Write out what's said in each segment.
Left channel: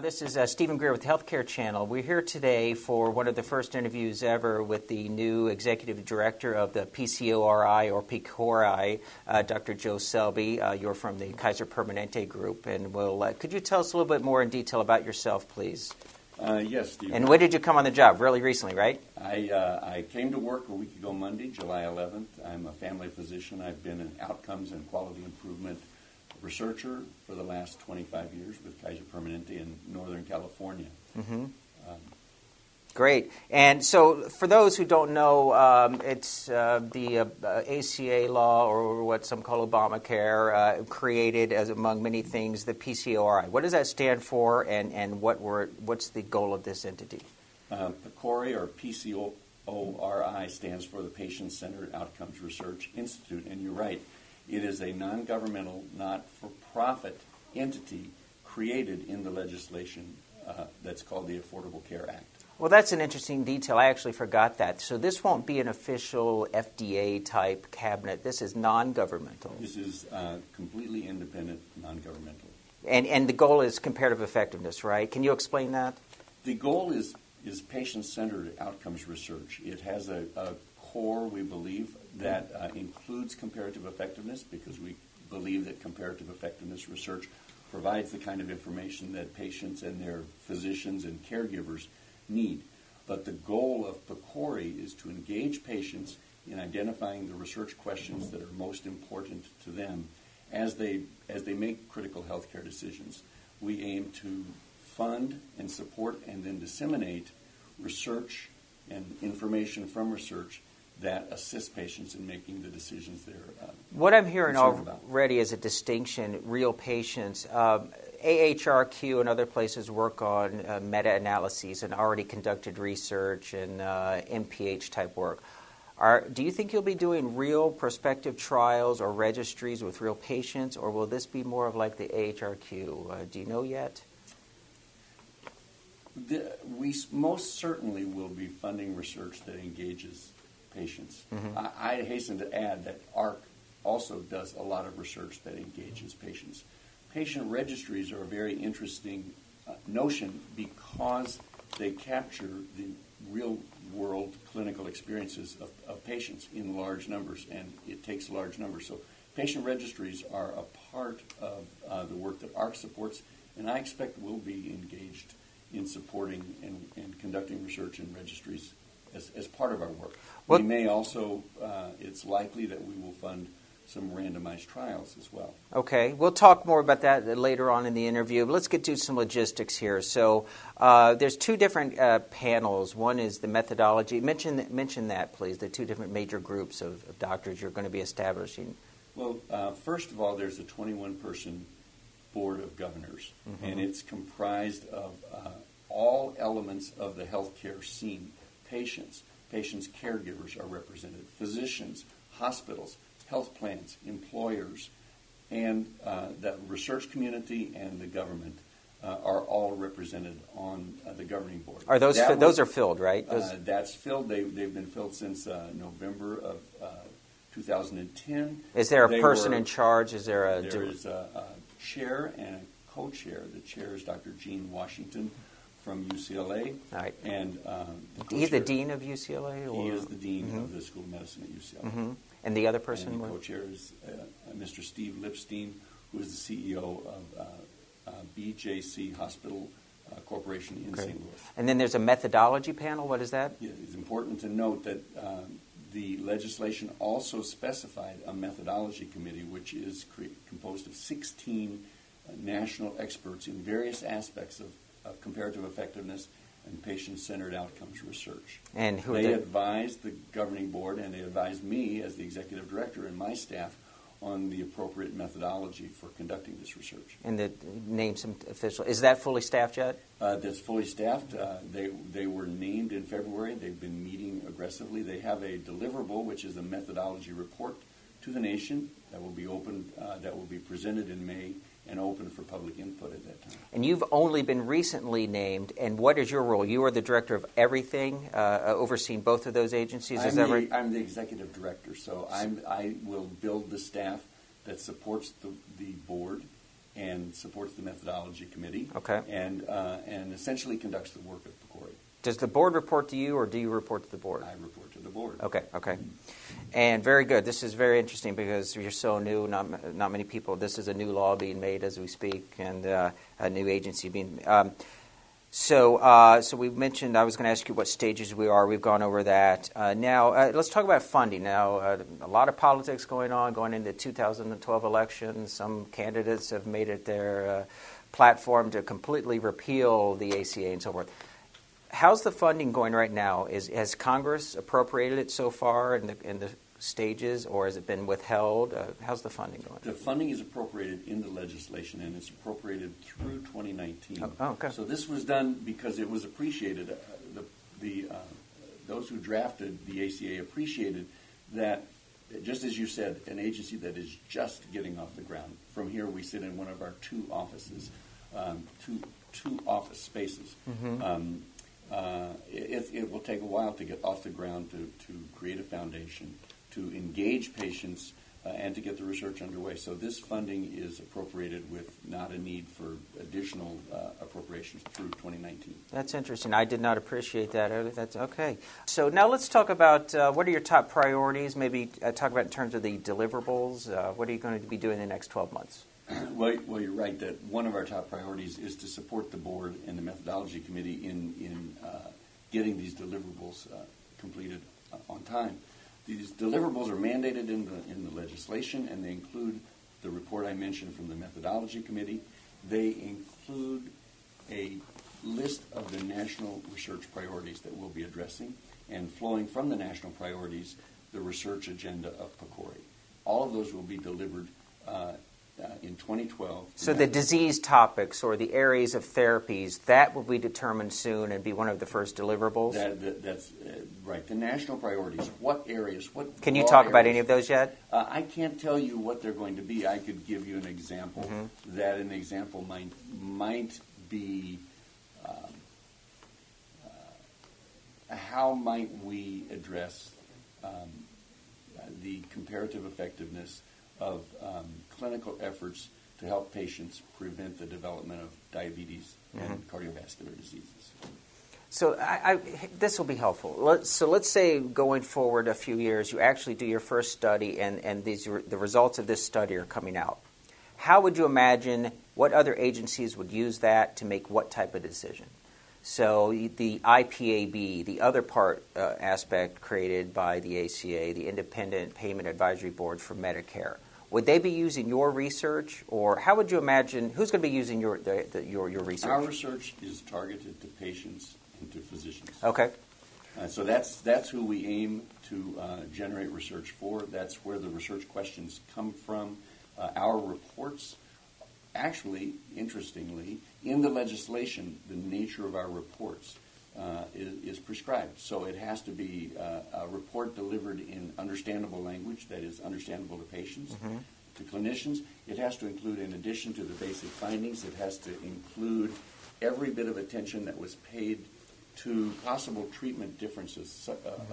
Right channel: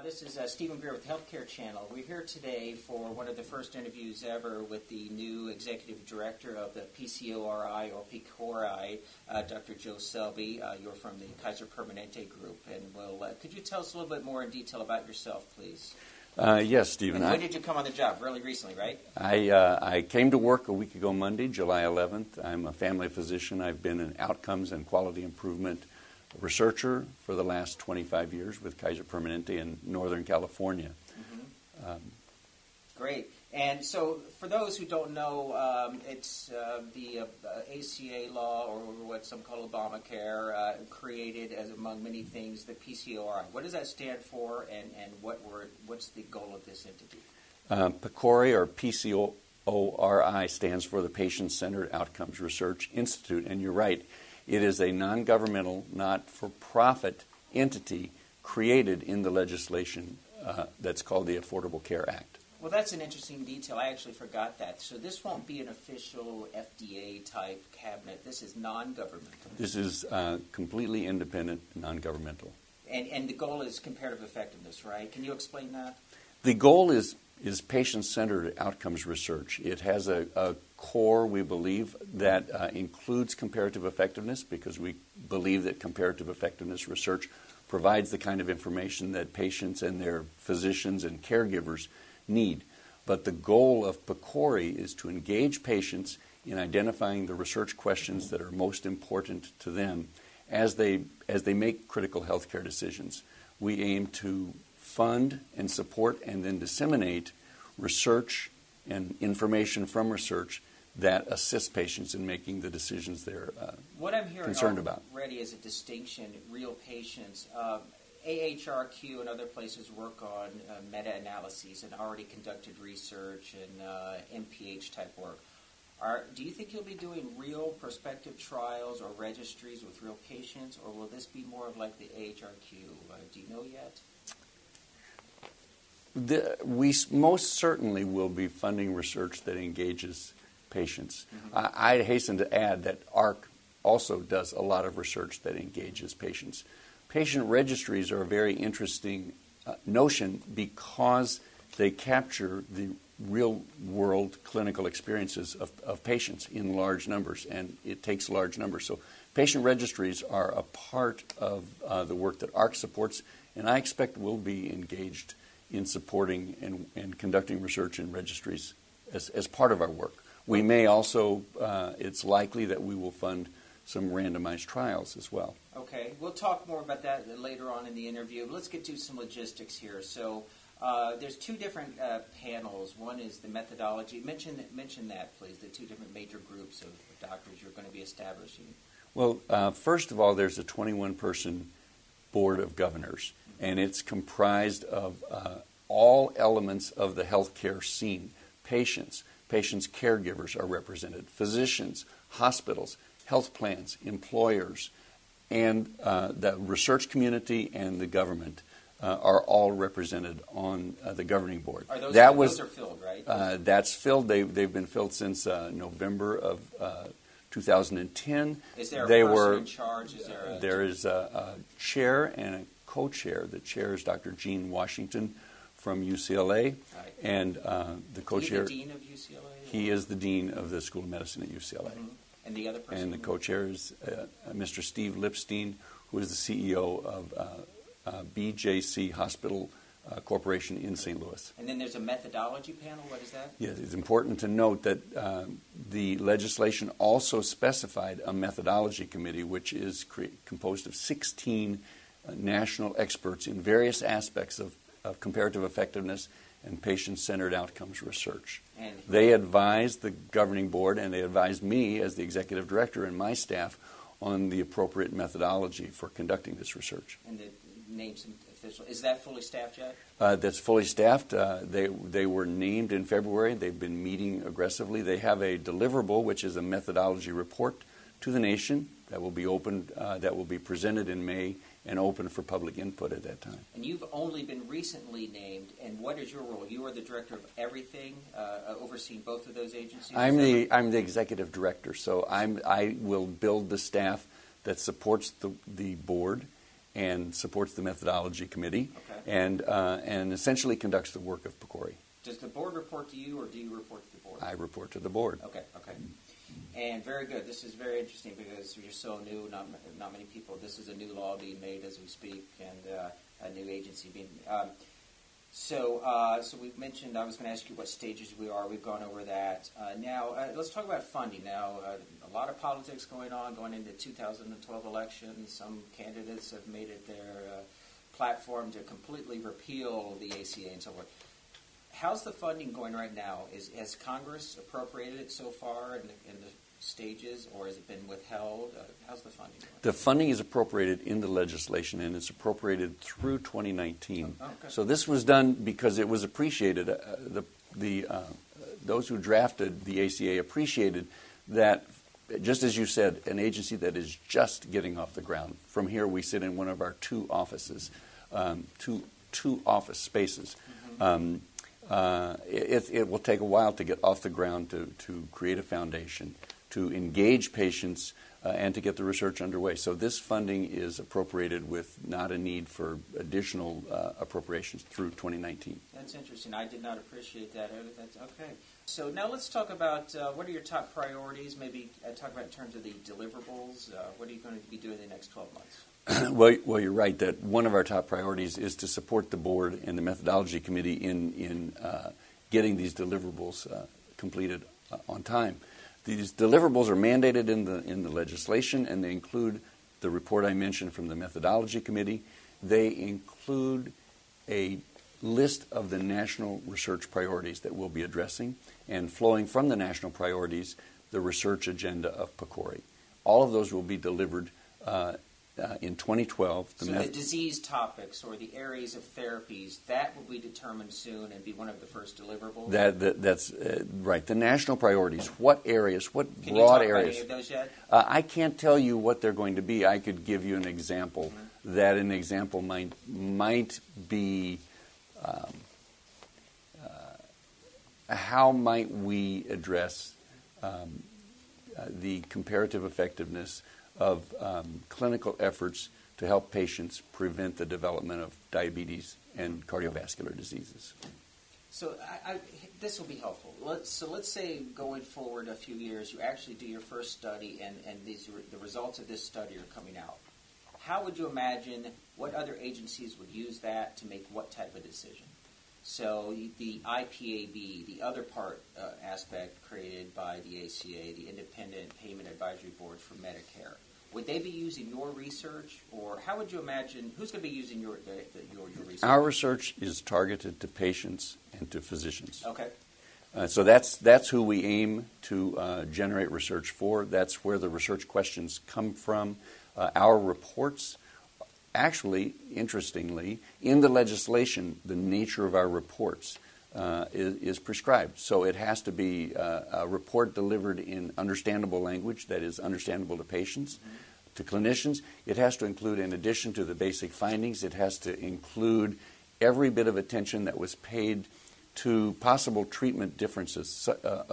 This is Stephen Greer with the Healthcare Channel. We're here today for one of the first interviews ever with the new Executive Director of the PCORI or PCORI, Dr. Joe Selby. You're from the Kaiser Permanente group, and could you tell us a little bit more in detail about yourself, please? Yes, Stephen. And when did you come on the job? Really recently, right? I came to work a week ago Monday, July 11th. I'm a family physician. I've been an outcomes and quality improvement researcher for the last 25 years with Kaiser Permanente in Northern California. Mm-hmm. Great. And so for those who don't know, it's the ACA law, or what some call Obamacare, created, as among many things, the PCORI. What does that stand for, and what's the goal of this entity? PCORI, or PCORI, stands for the Patient-Centered Outcomes Research Institute. And you're right, it is a non-governmental, not-for-profit entity created in the legislation that's called the Affordable Care Act. Well, that's an interesting detail. I actually forgot that. So this won't be an official FDA-type cabinet. This is non-governmental. This is completely independent, non-governmental. And the goal is comparative effectiveness, right? Can you explain that? The goal is patient-centered outcomes research. It has a core, we believe, that includes comparative effectiveness, because we believe that comparative effectiveness research provides the kind of information that patients and their physicians and caregivers need. But the goal of PCORI is to engage patients in identifying the research questions that are most important to them as they make critical healthcare decisions. We aim to fund and support and then disseminate research and information from research that assists patients in making the decisions they're what I'm hearing about. Already is a distinction, real patients. AHRQ and other places work on meta-analyses and already conducted research and MPH-type work. Do you think you'll be doing real prospective trials or registries with real patients, or will this be more of like the AHRQ? Do you know yet? We most certainly will be funding research that engages patients. Mm-hmm. I hasten to add that AHRQ also does a lot of research that engages patients. Patient registries are a very interesting notion because they capture the real-world clinical experiences of patients in large numbers, and it takes large numbers. So patient registries are a part of the work that AHRQ supports, and I expect we'll be engaged in supporting and conducting research in registries as part of our work. We may also, it's likely that we will fund some randomized trials as well. Okay. We'll talk more about that later on in the interview. But let's get to some logistics here. So there's two different panels. One is the methodology. Mention that, please, the two different major groups of doctors you're going to be establishing. Well, first of all, there's a 21-person board of governors, mm-hmm. and it's comprised of all elements of the healthcare scene. Patients' caregivers are represented, physicians, hospitals, health plans, employers, and the research community and the government are all represented on the governing board. Are those are filled, right? That's filled. They've been filled since November of 2010. Is there a person in charge? There is a chair and a co-chair. The chair is Dr. Gene Washington from UCLA, right. And the co-chair. He's the dean of UCLA? He is the dean of the School of Medicine at UCLA. Mm-hmm. And the other person? And the co-chair is Mr. Steve Lipstein, who is the CEO of BJC Hospital Corporation in St. Louis. And then there's a methodology panel. What is that? Yeah, it's important to note that the legislation also specified a methodology committee, which is composed of 16 national experts in various aspects of comparative effectiveness and patient-centered outcomes research. And they advised the governing board, and they advised me as the executive director and my staff on the appropriate methodology for conducting this research. And name some official. Is that fully staffed yet? That's fully staffed. They were named in February. They've been meeting aggressively. They have a deliverable, which is a methodology report to the nation that will be opened, that will be presented in May and open for public input at that time. And you've only been recently named, and what is your role? You are the director of everything, overseeing both of those agencies? I'm the executive director, so I will build the staff that supports the board and supports the methodology committee. Okay. And essentially conducts the work of PCORI. Does the board report to you, or do you report to the board? I report to the board. Okay. And very good. This is very interesting because you're so new. Not many people. This is a new law being made as we speak, and a new agency being. So we mentioned. I was going to ask you what stages we are. We've gone over that. Now let's talk about funding. Now a lot of politics going into the 2012 election. Some candidates have made it their platform to completely repeal the ACA and so forth. How's the funding going right now? Has Congress appropriated it so far in the stages, or has it been withheld? How's the funding going? The funding is appropriated in the legislation, and it's appropriated through 2019. Oh, okay. So this was done because it was appreciated. Those who drafted the ACA appreciated that, just as you said, an agency that is just getting off the ground. From here, we sit in one of our two offices, two office spaces. Mm-hmm. It will take a while to get off the ground, to create a foundation, to engage patients, and to get the research underway. So this funding is appropriated with not a need for additional appropriations through 2019. That's interesting. I did not appreciate that. That's okay. So now let's talk about what are your top priorities. Maybe talk about in terms of the deliverables. What are you going to be doing in the next 12 months? Well, you're right that one of our top priorities is to support the board and the methodology committee in getting these deliverables completed on time. These deliverables are mandated in the legislation, and they include the report I mentioned from the methodology committee. They include a list of the national research priorities that we'll be addressing, and flowing from the national priorities, the research agenda of PCORI. All of those will be delivered in 2012. So the disease topics or the areas of therapies, that will be determined soon and be one of the first deliverables? That's right. The national priorities, what areas, what Can you talk about any of those yet? I can't tell you what they're going to be. I could give you an example. Mm-hmm. That an example might be how might we address the comparative effectiveness of clinical efforts to help patients prevent the development of diabetes and cardiovascular diseases. So this will be helpful. Let's say going forward a few years, you actually do your first study, and the results of this study are coming out. How would you imagine what other agencies would use that to make what type of decision? So the IPAB, the other aspect created by the ACA, the Independent Payment Advisory Board for Medicare, would they be using your research, or how would you imagine who's going to be using your research? Our research is targeted to patients and to physicians. Okay. So that's who we aim to generate research for. That's where the research questions come from. Our reports, actually, interestingly, in the legislation, the nature of our reports is prescribed. So it has to be a report delivered in understandable language that is understandable to patients, to clinicians. It has to include, in addition to the basic findings, it has to include every bit of attention that was paid to possible treatment differences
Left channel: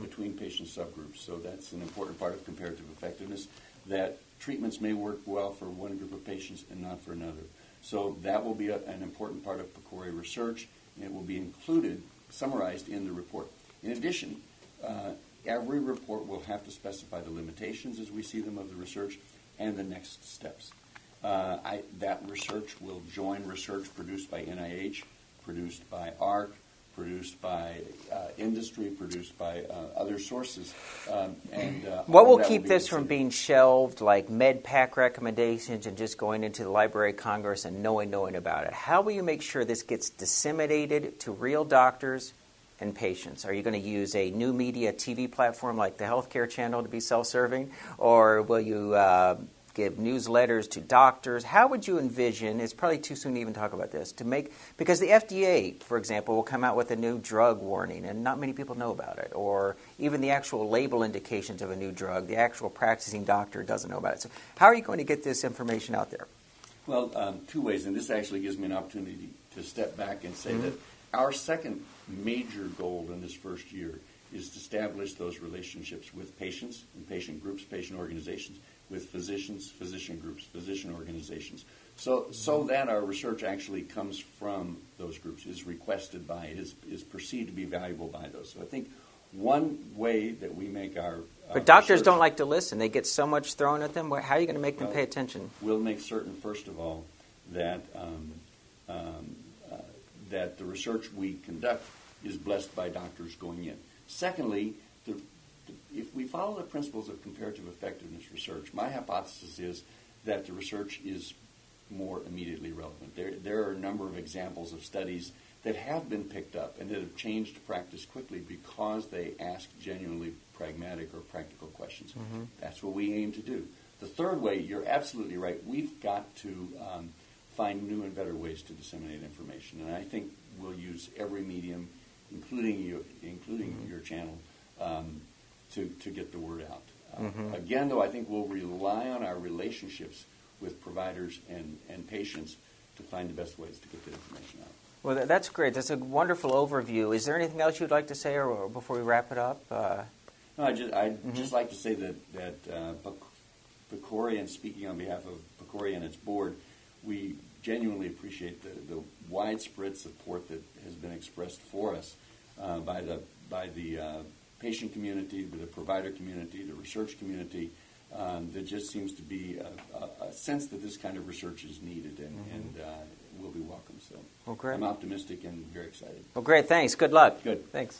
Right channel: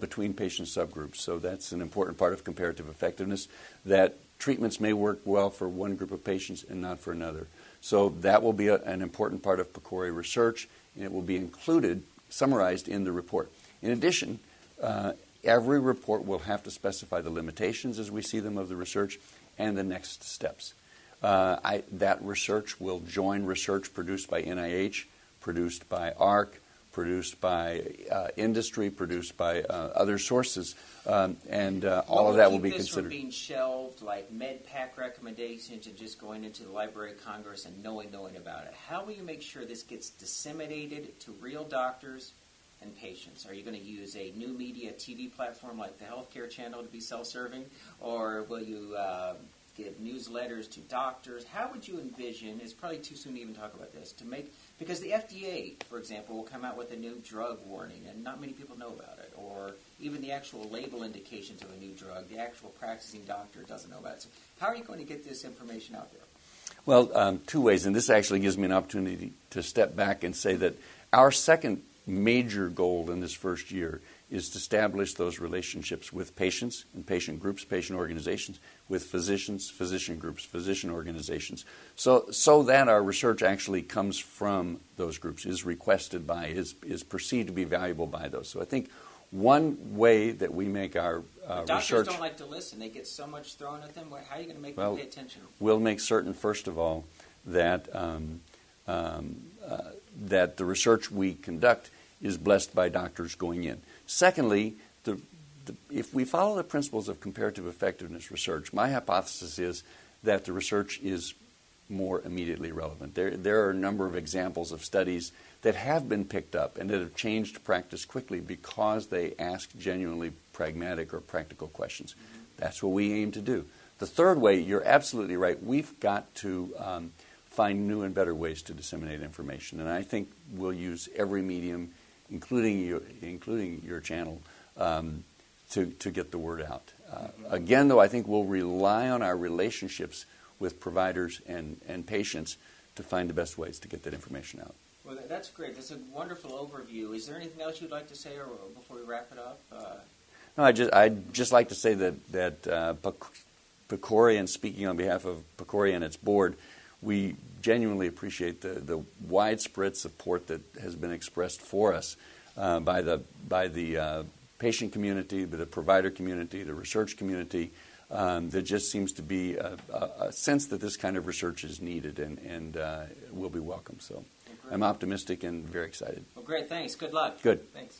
between patient subgroups. So that's an important part of comparative effectiveness, that treatments may work well for one group of patients and not for another. So that will be an important part of PCORI research, and it will be included, summarized in the report. In addition, every report will have to specify the limitations as we see them of the research and the next steps. That research will join research produced by NIH, produced by AHRQ, produced by industry, produced by other sources, and what all will that keep will be this considered. from being shelved, like MedPAC recommendations, and just going into the Library of Congress and knowing about it? How will you make sure this gets disseminated to real doctors and patients? Are you going to use a new media TV platform like the Healthcare Channel to be self-serving, or will you give newsletters to doctors? How would you envision, it's probably too soon to even talk about this, because the FDA, for example, will come out with a new drug warning, and not many people know about it, or even the actual label indications of a new drug, the actual practicing doctor doesn't know about it. So how are you going to get this information out there? Well, two ways, and this actually gives me an opportunity to step back and say that our second major goal in this first year is to establish those relationships with patients and patient groups, patient organizations, with physicians, physician groups, physician organizations, so that our research actually comes from those groups, is requested by, is perceived to be valuable by those. So I think one way that we make our But doctors research, don't like to listen. They get so much thrown at them. How are you going to make them pay attention? We'll make certain, first of all, that that the research we conduct is blessed by doctors going in. Secondly, if we follow the principles of comparative effectiveness research, my hypothesis is that the research is more immediately relevant. There are a number of examples of studies that have been picked up and that have changed practice quickly because they ask genuinely pragmatic or practical questions. Mm-hmm. That's what we aim to do. The third way, you're absolutely right, we've got to find new and better ways to disseminate information. And I think we'll use every medium, including your channel, to get the word out. Again, though, I think we'll rely on our relationships with providers and patients to find the best ways to get that information out. Well, that's great. That's a wonderful overview. Is there anything else you'd like to say or before we wrap it up? No, I'd just like to say that PCORI, and speaking on behalf of PCORI and its board, we genuinely appreciate the widespread support that has been expressed for us by the patient community, by the provider community, the research community. There just seems to be a sense that this kind of research is needed and will be welcome. So well, great. I'm optimistic and very excited. Well, great. Thanks. Good luck. Good. Thanks.